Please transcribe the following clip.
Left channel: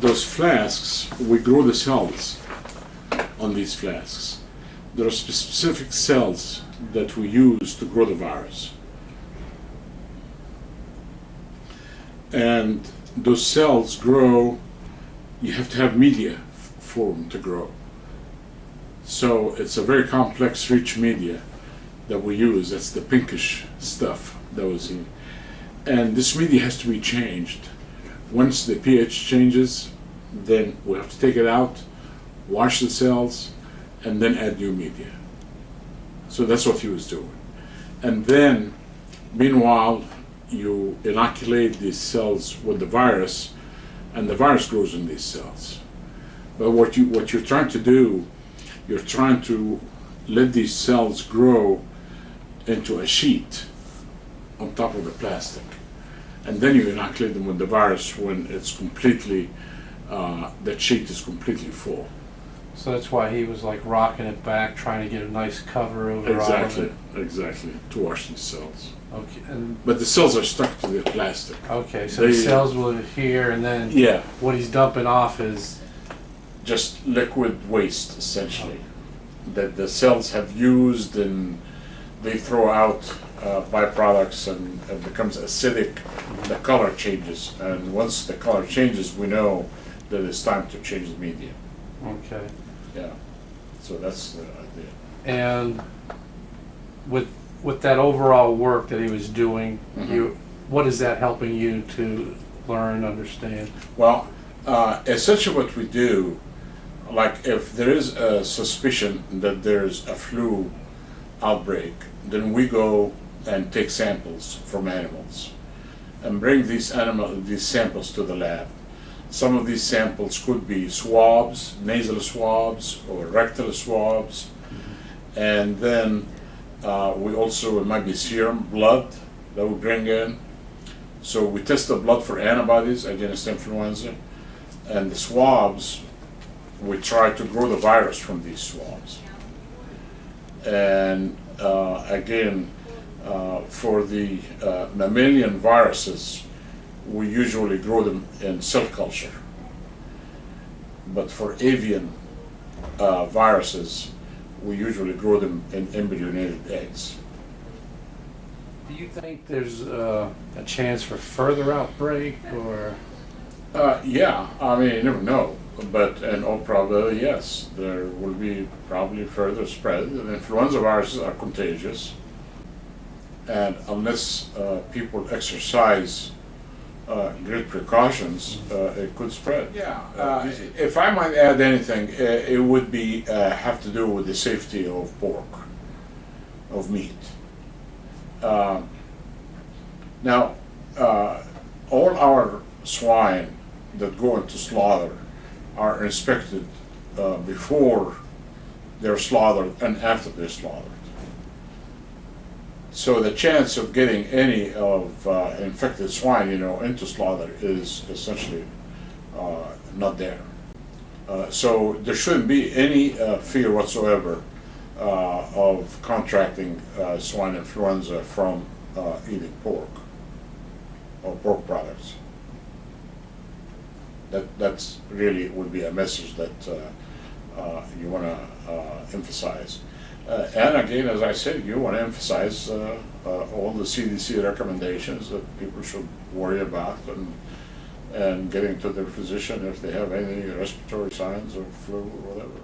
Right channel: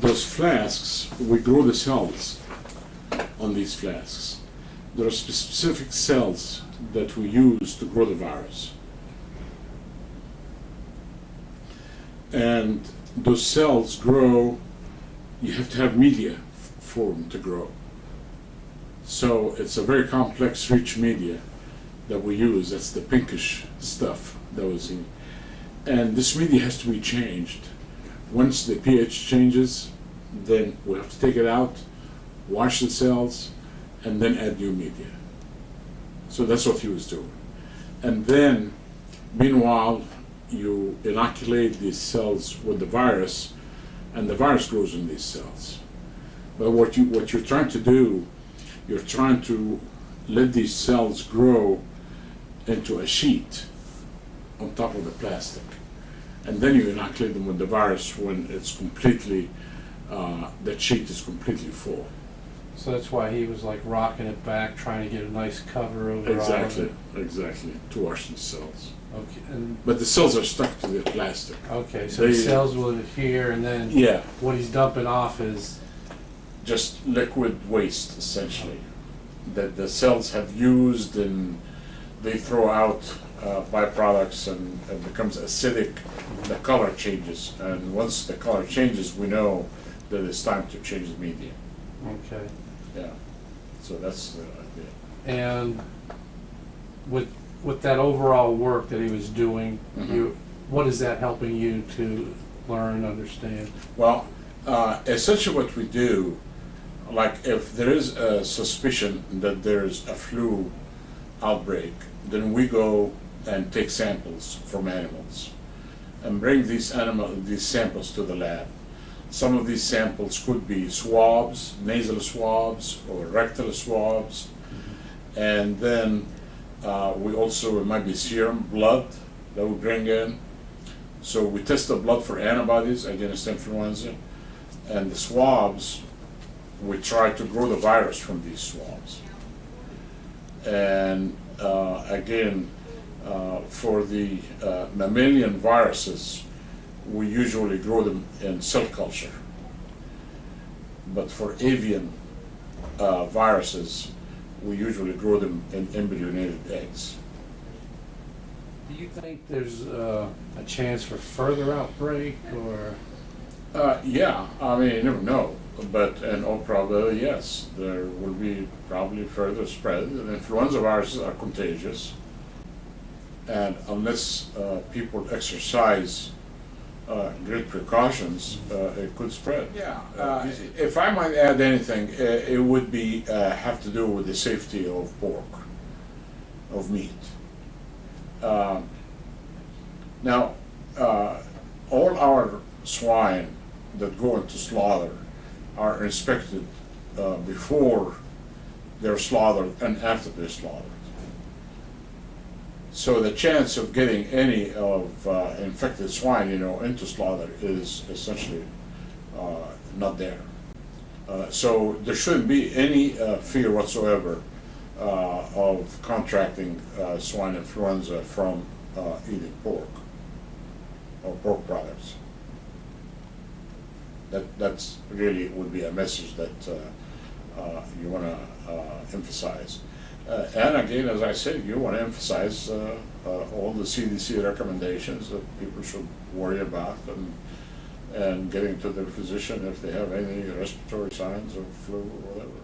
those flasks, we grow the cells on these flasks. There are specific cells that we use to grow the virus. And those cells grow, you have to have media for them to grow. So it's a very complex, rich media that we use. That's the pinkish stuff that was in. And this media has to be changed. Once the pH changes, then we have to take it out, wash the cells, and then add new media. So that's what he was doing. And then, meanwhile, you inoculate these cells with the virus, and the virus grows in these cells. But what you're trying to do, you're trying to let these cells grow into a sheet on top of the plastic. And then you inoculate them with the virus when it's completely, that sheet is completely full. So that's why he was like rocking it back, trying to get a nice cover over all of it. Exactly, to wash these cells. Okay, and But the cells are stuck to the plastic. okay, so the cells will adhere, and then Yeah, what he's dumping off is just liquid waste, essentially, that the cells have used, and they throw out byproducts, and it becomes acidic. The color changes, and once the color changes, we know that it's time to change the media. okay. Yeah, so that's the idea. And with that overall work that he was doing, what is that helping you to learn, understand? Well, essentially what we do, like if there is a suspicion that there's a flu outbreak, then we go and take samples from animals and bring these samples to the lab. Some of these samples could be swabs, nasal swabs or rectal swabs, and then we also, it might be serum, blood that we bring in. So we test the blood for antibodies against influenza, and the swabs, we try to grow the virus from these swabs. And again, for the mammalian viruses, we usually grow them in cell culture. But for avian viruses, we usually grow them in embryonated eggs. Do you think there's a chance for further outbreak, or? Yeah, I mean, you never know. But in all probability, yes, there will be probably further spread. And influenza viruses are contagious. And unless people exercise great precautions, it could spread. Yeah, if I might add anything, it would be have to do with the safety of pork, of meat. Now, all our swine that go into slaughter are inspected before they're slaughtered and after they're slaughtered. So the chance of getting any of infected swine, into slaughter is essentially not there. So there shouldn't be any fear whatsoever of contracting swine influenza from eating pork or pork products. That's really would be a message that you want to emphasize. And again, as I said, you want to emphasize all the CDC recommendations that people should worry about, and getting to their physician if they have any respiratory signs or flu or whatever.